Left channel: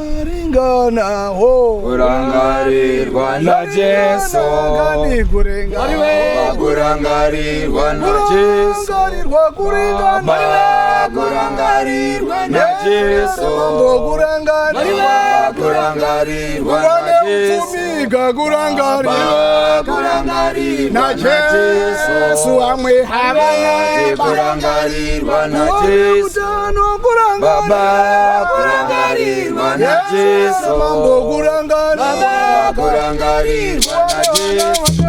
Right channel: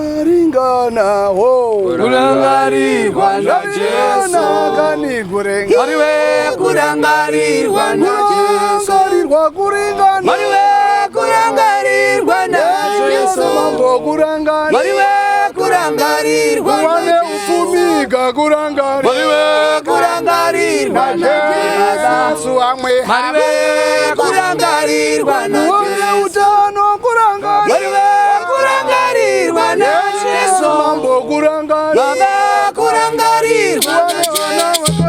Zvaringana ho kurangarirwa naJesu gani kurenga mariwe kurangarirwa naJesu kuringana mariwe kurangarirwa naJesu kurangarirwa mariwe kurangarirwa naJesu mariwe kurangarirwa naJesu amwe mariwe kurangarirwa naJesu mariwe kurangarirwa naJesu kurangarirwa naJesu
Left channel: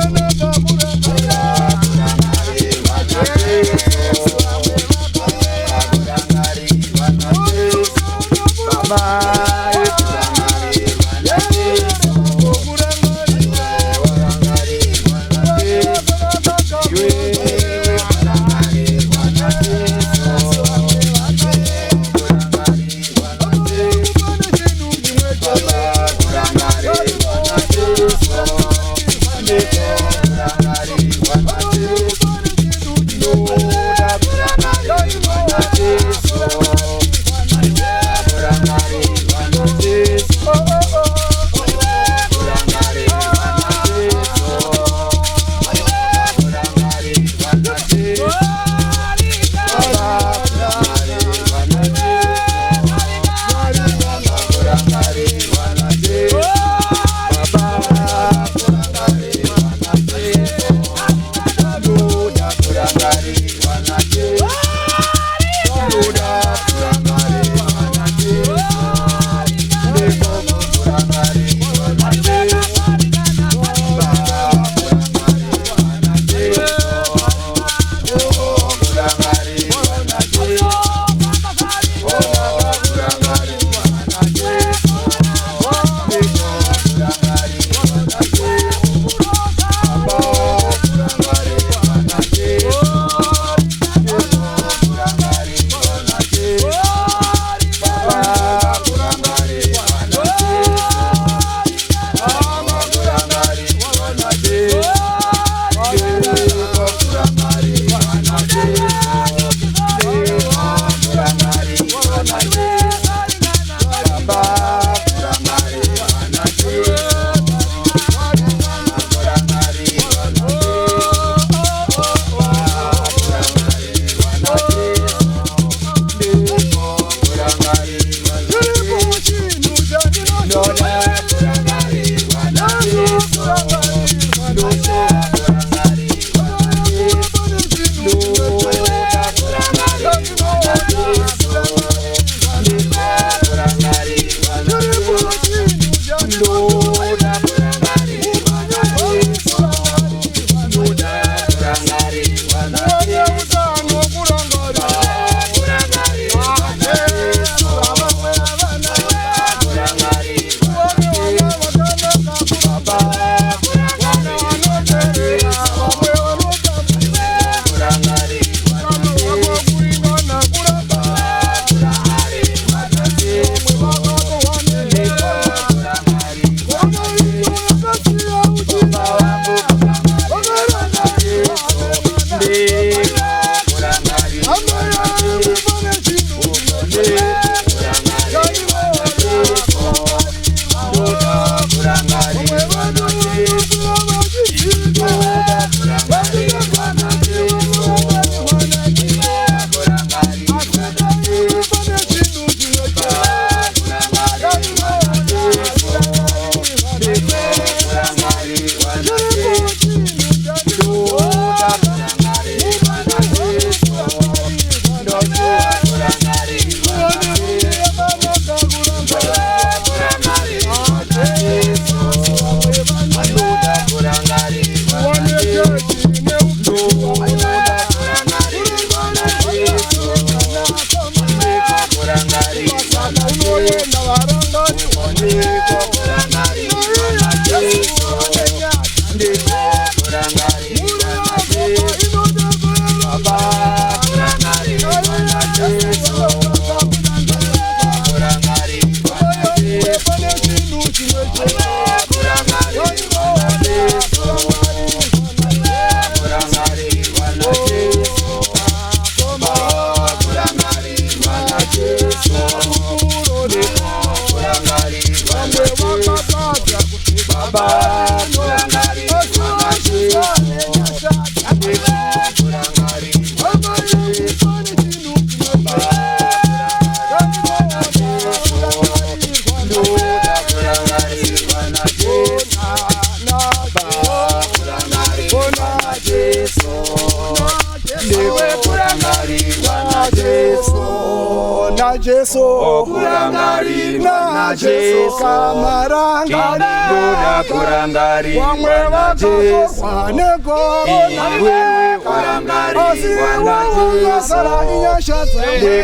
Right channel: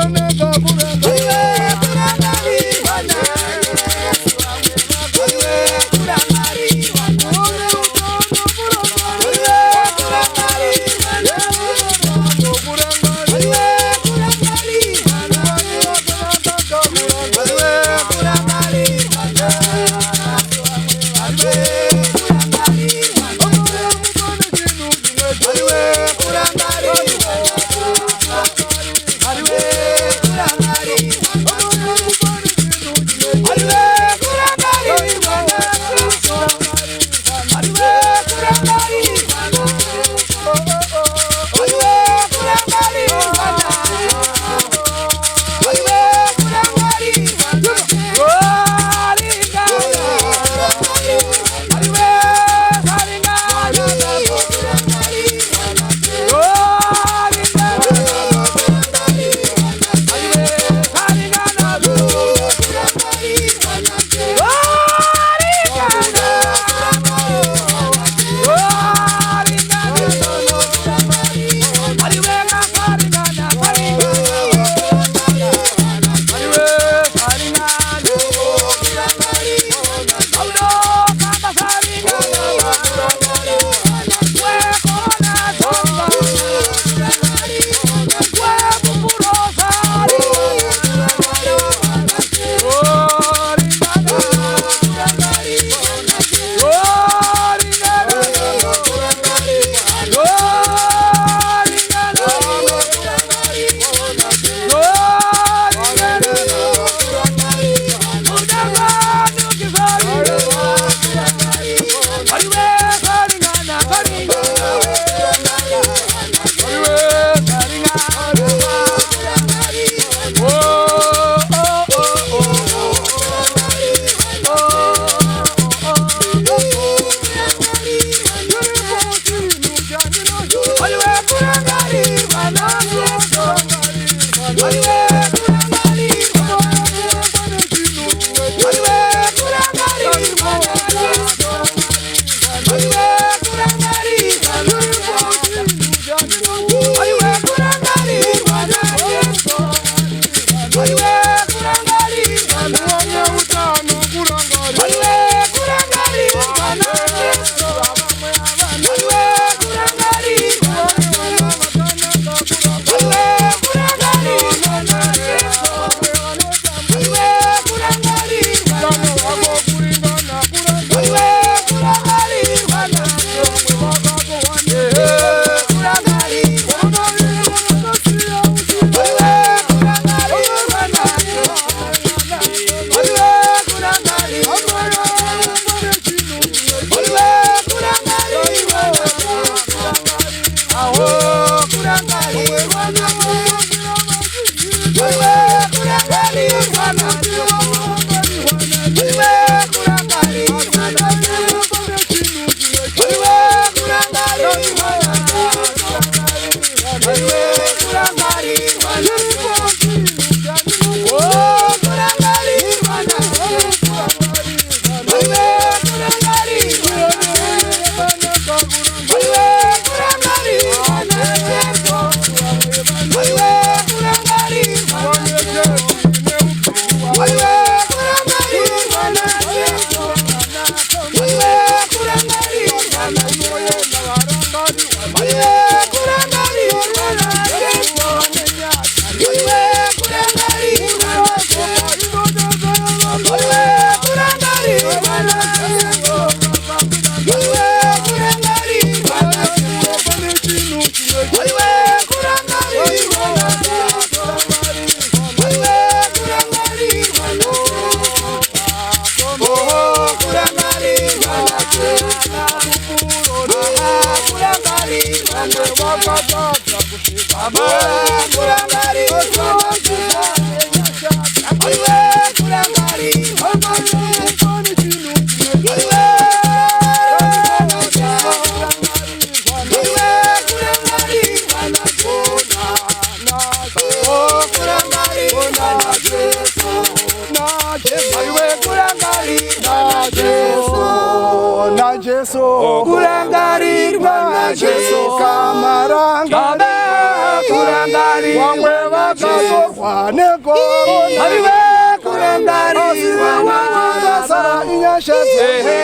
Jesu. Kamarangarirwa Kurangarirwa wamwe vakatorwa nekorona kurangarirwa na vasara inyasha dzake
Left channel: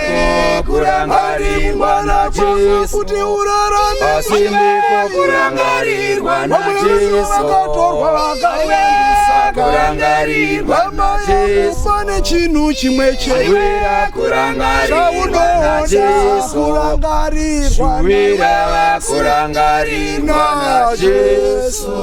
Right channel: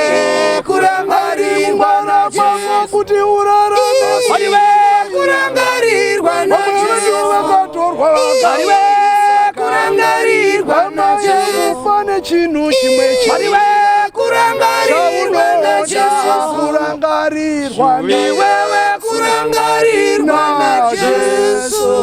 kurangarirwa na Jesu. kuti urarame Kurangarirwa na vamwe Jesu. vakatorwa Kurangarirwa na Jesu. pane chinhu chimwe chete Kurangarirwa na Jesu. kurangarirwa Kurangarirwa na Jesu.